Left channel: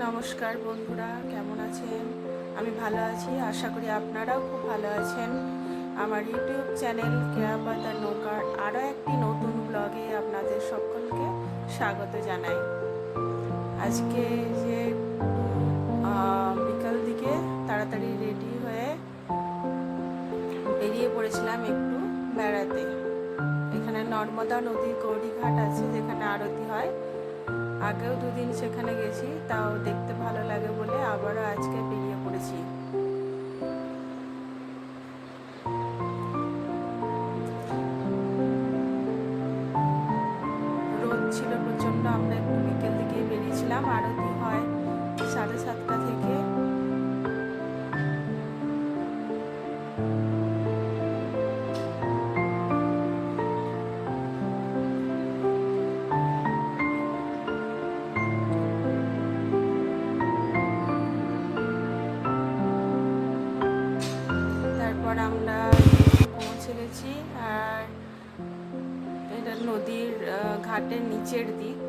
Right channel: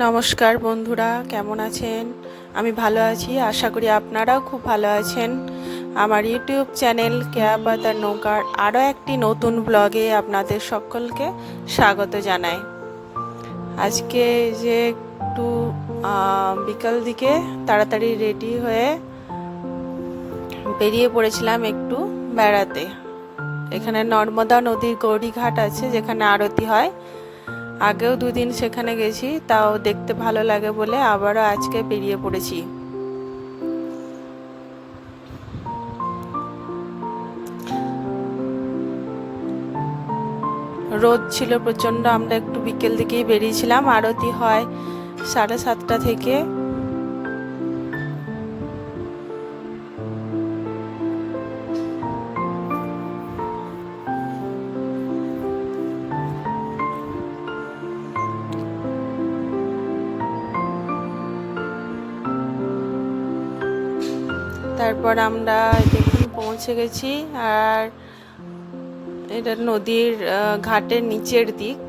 নমস্কার বন্ধুরা, কেমন আছেন? আমি ভালো আছি, আশা করি আপনারাও খুব ভালো আছেন। আমার ইউটিউব চ্যানেল কেয়া পাতার নৌকার আরও একটি নতুন ব্লগে আপনাদের সকলকে স্বাগত জানাই। আজকে যে একটু বিকাল দিকে তাড়াতাড়ি রেডি হয়ে বেরিয়ে পড়েছিলাম একটু বেড়াতে। এখানে নর্মদা নদীর গৌরীঘাট আছে, যেখানে আরতি হয়। আগেও দুদিন সেখানে গেছি, তাও দেখতে ভালো লাগে বলে আবারও আজকে বেরিয়ে পড়েছি। রোদ ছিল প্রচণ্ড, আমরা একটু বিকেল দিকেই বেরিয়েছিলাম। আরতি হয় 7:30 থেকে। তারপর আমরা দেখুন পৌঁছে গেছি। আর এটা নদীর ঘাটের নিচের দিক।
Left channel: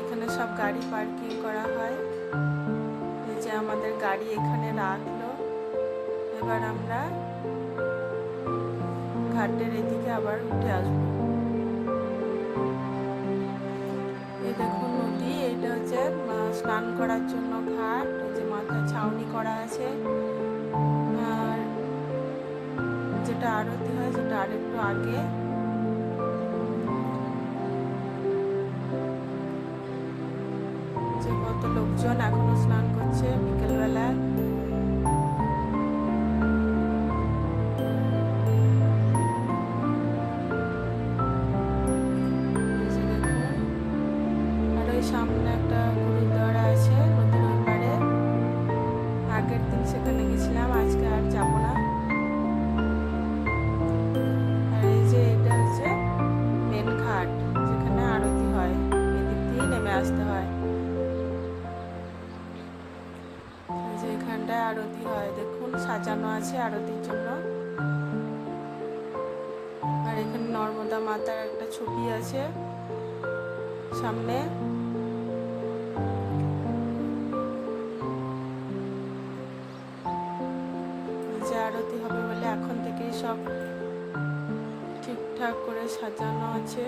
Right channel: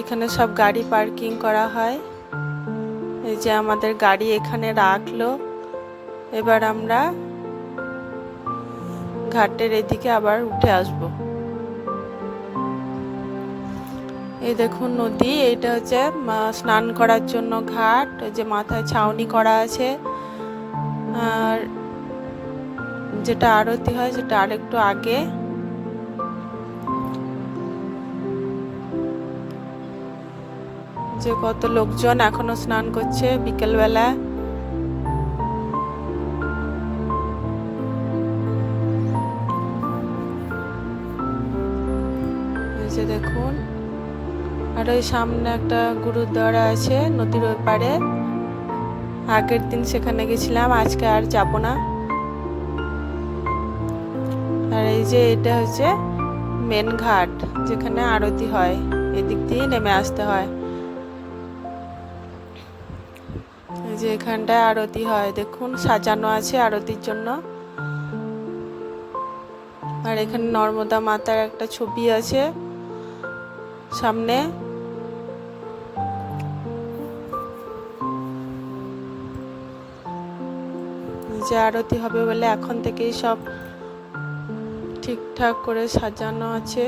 এখানে সব গাড়ি পার্কিং করা হয়। এই যে আমাদের গাড়ি এখানে রাখলো। এবার আমরা ঘাটের এদিকে আবার উঠে আসব। এই দেখুন নদী, এটা হচ্ছে স্নান করার জন্য ঘাট। যে মাথায় ছাউনি করা আছে। আর যেটা আরতি হয় সেটা আরেকটু আগে। যে কত লোকজন এখনো স্নান করছে বিকেলবেলা। এই যে দেখুন, আর ওই সামনে একটা গুরুদ্বারা আছে নদীর ওই পারে। আগের দিন সেখানে গেছিলাম, আজকে আর যাব না। আর এই যে এটা হচ্ছে মেন ঘাট, যেখানে আরতি হয়। এদিক দিয়ে নেমে আসতে হয়। এই যে এখানটায় আরতি হয়, দেখুন সাজানো আছে আরতির জন্য। আর এখানে নর্মদা মাতার একটা ছবি আছে সামনে। যে আরতি হবে বলে এখন থেকেই সব ঠিকঠাক করে সাজানো আছে।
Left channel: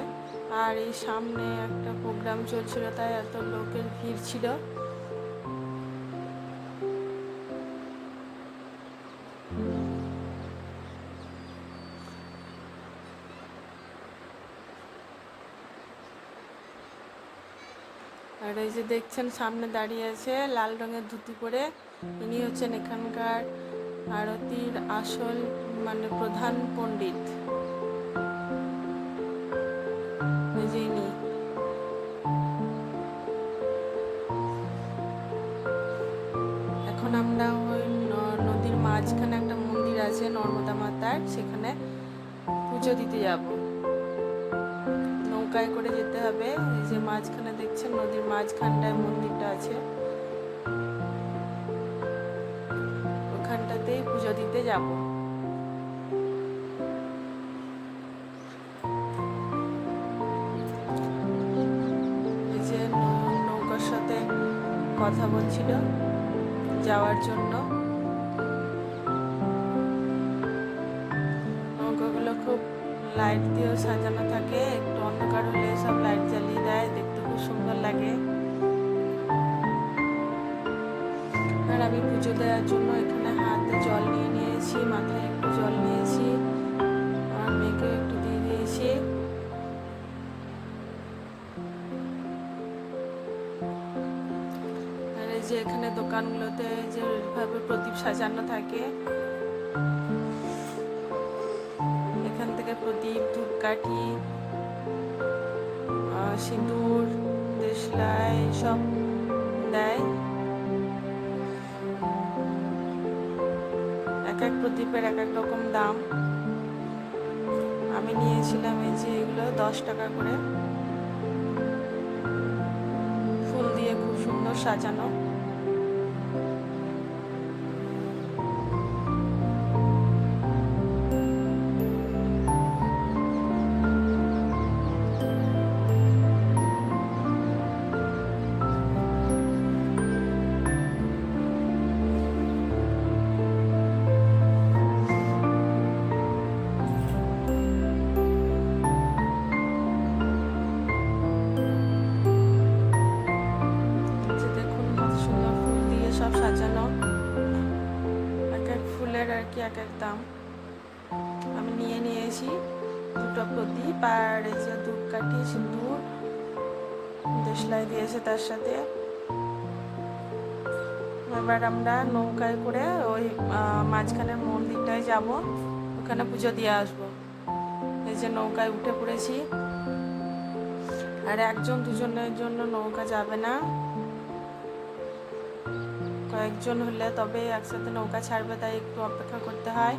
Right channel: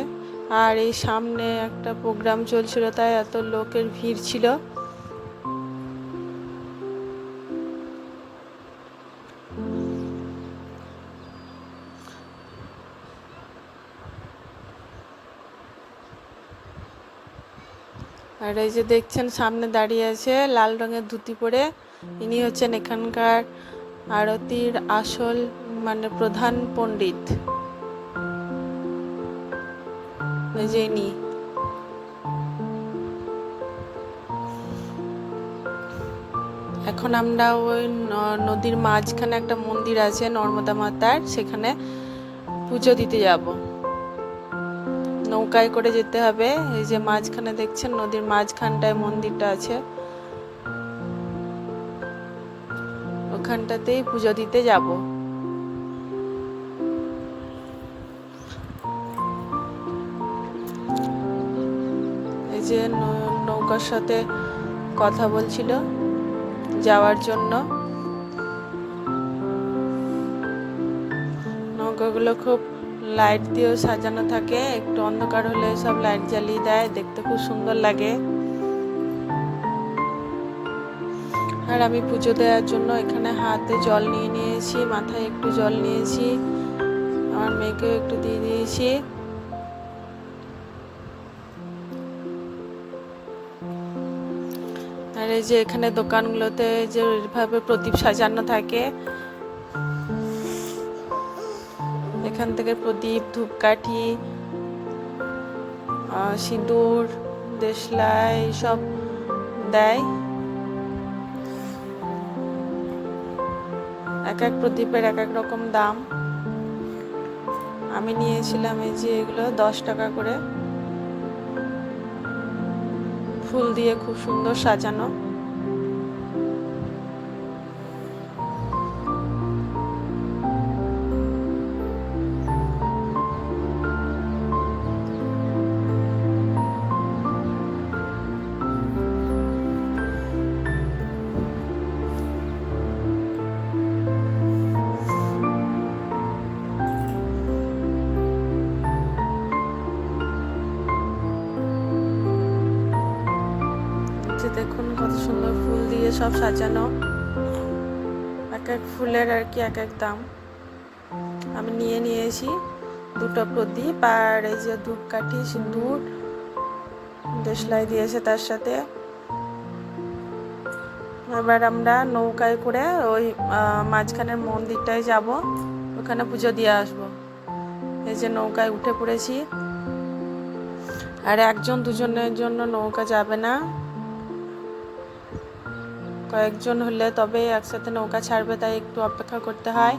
আর এই সামনে একটা প্রোগ্রাম চলছিল, তাই এত লোকের ভিড় ছিল। আর এই যে দেখছেন সামনে দাঁড়িয়ে আছে লাল রঙের ধুতি পরে, ইনি হচ্ছেন এখানকার আরতির আসল প্রধান পণ্ডিত। এই যে ইনি। এখন আমরা ওই নদীর মাঝখানে একটা মন্দির আছে নর্মদা মাতার, সেখানে পুজো দিতে যাব। নৌকায় করে যেতে হবে। এই যে মাঝখানে দেখছেন নদীর মাঝখানটায় মন্দিরটা আছে, ওখানটাতেই পুজো দিতে যাব। এই যে নৌকার সাথে কথা বলছিল যাওয়ার জন্য। নৌকাগুলো খুব লাইট দিয়েও সাজানো থাকে, একটু অন্ধকার হলে সব লাইট জ্বালিয়ে দেয়, দেখতে খুব সুন্দর লাগে। আর আমি পুজো দেওয়ার জন্য এখানে হাতে জল নিয়ে নিয়েছি, মাথায় একটু জল নিয়েছি, আমার মেয়েকেও একটু দিয়ে দিয়েছি। আর এই যে এখানে দোকানগুলোতে যে এইভাবে প্রদীপ সাজানো থাকে, এখান থেকে প্রদীপ, ধূপকাঠি, সিঁদুর, দেশলাই সব দেয়। এক এক প্রদীপের এক এক রকম দাম। আমি নিয়েছিলাম এই যে এগুলো 10 টাকা করে, ফুল দিয়ে খুব সুন্দর সাজানো। যে দেখুন কত সুন্দর ফুল দিয়ে সব সাজানো, এক এক ফুলের আর কি এক এক দাম। আমি নিয়ে নিয়েছি দুটো প্রদীপ আর এই যে ধূপকাঠি, সিঁদুর, দেশলাই দিয়েছে তার সাথে। এবার আমরা নৌকায় করে ওই মাঝখানের মন্দিরটায় যাব, ওখানে পুজো দিয়ে আসবো। এই যে নৌকায় উঠে পড়েছি। আর একজন দুজনের জন্য নৌকা যাবে না, কয়েকজন হলে তবে একসাথে নৌকা ছাড়বে, তাই একটু অপেক্ষা করতে হয়।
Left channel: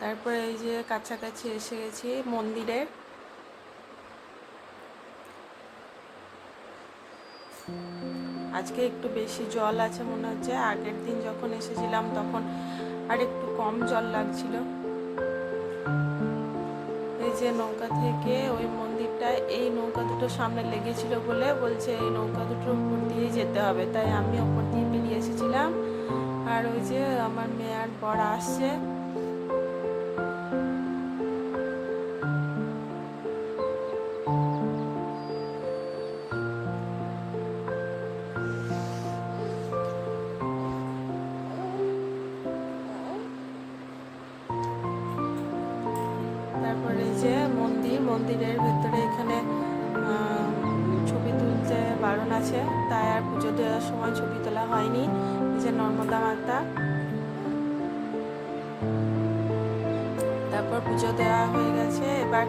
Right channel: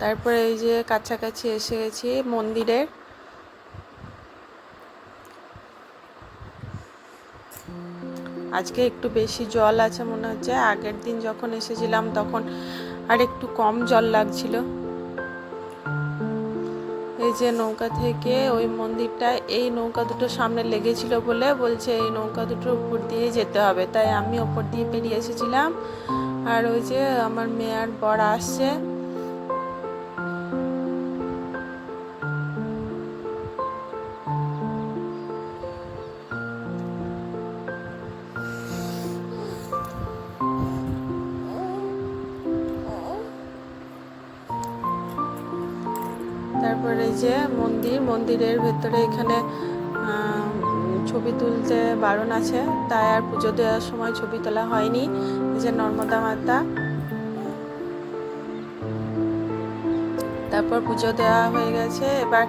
তারপরে এই যে কাছাকাছি এসে গেছি মন্দিরের। আজকে একটু বেশি জল আছে মনে হচ্ছে, আগের দিন যখন এসেছিলাম তখন আর একটু কম জল লাগছিল। এই যে নৌকা থেকে ওই মন্দিরটা, এই নৌকা দুটো সামনে লেগেছিল বলে বলছে এই নৌকা দুটোর উপর দিয়ে যেতে হবে, তাই আমি ওপর দিয়ে পেরিয়ে এসেছিলাম। আর ওই যে আমার মেয়ে আর বর আসছে। তারপরে এই যে মন্দিরের ভেতরে এখানে ছবি তুলতে বারণ আছে, তাই আর পুজো দেওয়ার সময় ছবি তোলা হয়নি। এই যে নর্মদা মাতা। তারপর পুজো দেওয়া হয়ে গেছে, এবার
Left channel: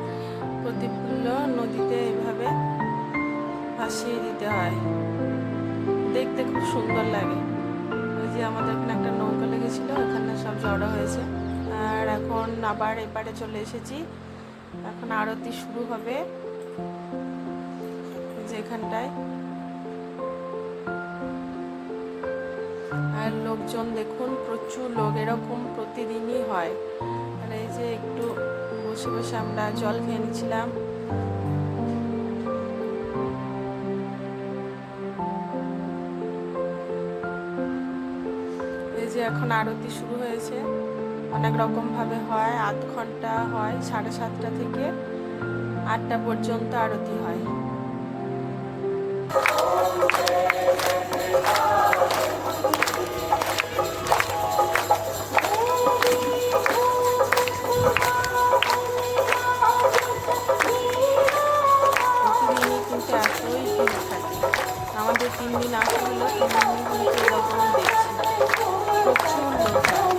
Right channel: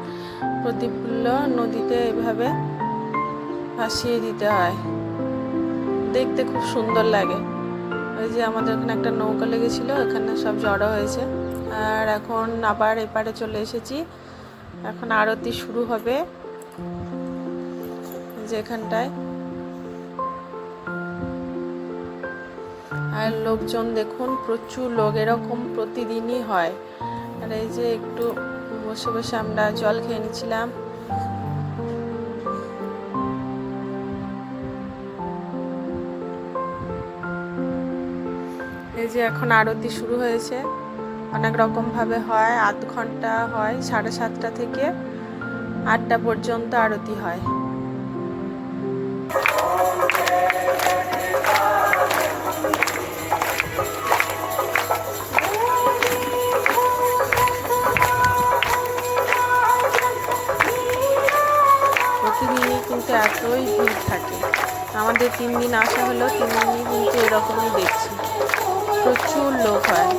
প্রদীপগুলো নদীতে এভাবে ভাসিয়ে দিতে হয়, দেখতে খুব সুন্দর লাগে। ওই যে আমাদের এখানে একটা নৌকা লেগেছিল, এখানে সব জড়ো হয়েছে। আর এখন আবার এপারে চলে এসেছি, এখন আরতি শুরু হবে যেখানটায়। আর লোকজন দেখুন, প্রচুর লোক, এরকম প্রতিদিনই হয়। আর এই যে একটু বসে বসে আমরা জল খেয়ে নিচ্ছিলাম। এই যে এখন আরতি শুরু হয়েছে, অনেক রকম ভাবে হয়, আধ ঘন্টা হয়, 7:30 থেকে 8টা পর্যন্ত আরতি হয়। প্রতিদিনই কিন্তু এতই ভিড় থাকে। আমাদের 3 দিন আসা হলো, 3 দিনই কিন্তু এরকমই দেখছি, প্রচুর লোক হয়।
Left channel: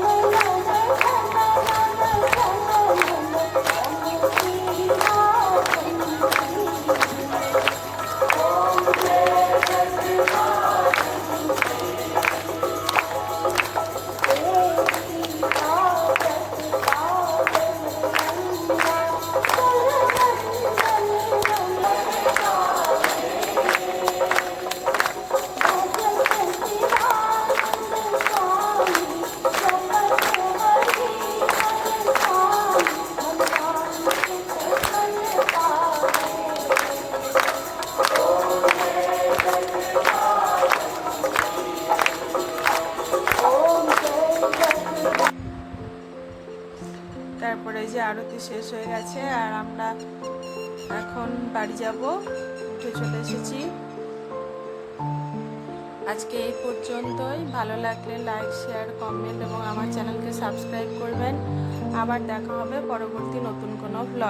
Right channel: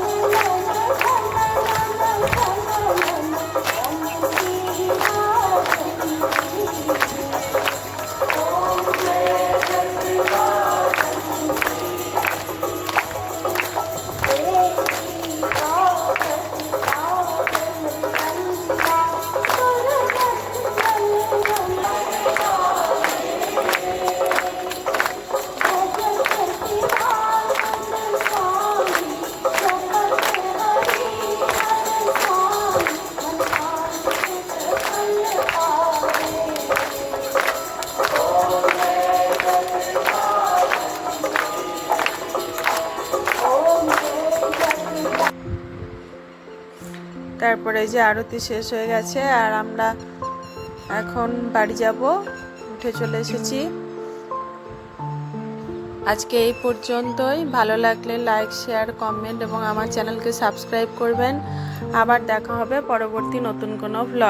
তারপরে যে আরতি শেষ হয়ে গেছে, আর আমরা এখন বাড়ি যাব, উঠে চলে এসেছি। আজকে এই পর্যন্তই। ভালো লাগলে লাইক, শেয়ার, কমেন্ট এবং আমার চ্যানেলকে সাবস্ক্রাইব করবেন। আবার দেখা হবে পরবর্তী নতুন কোনো ব্লগ।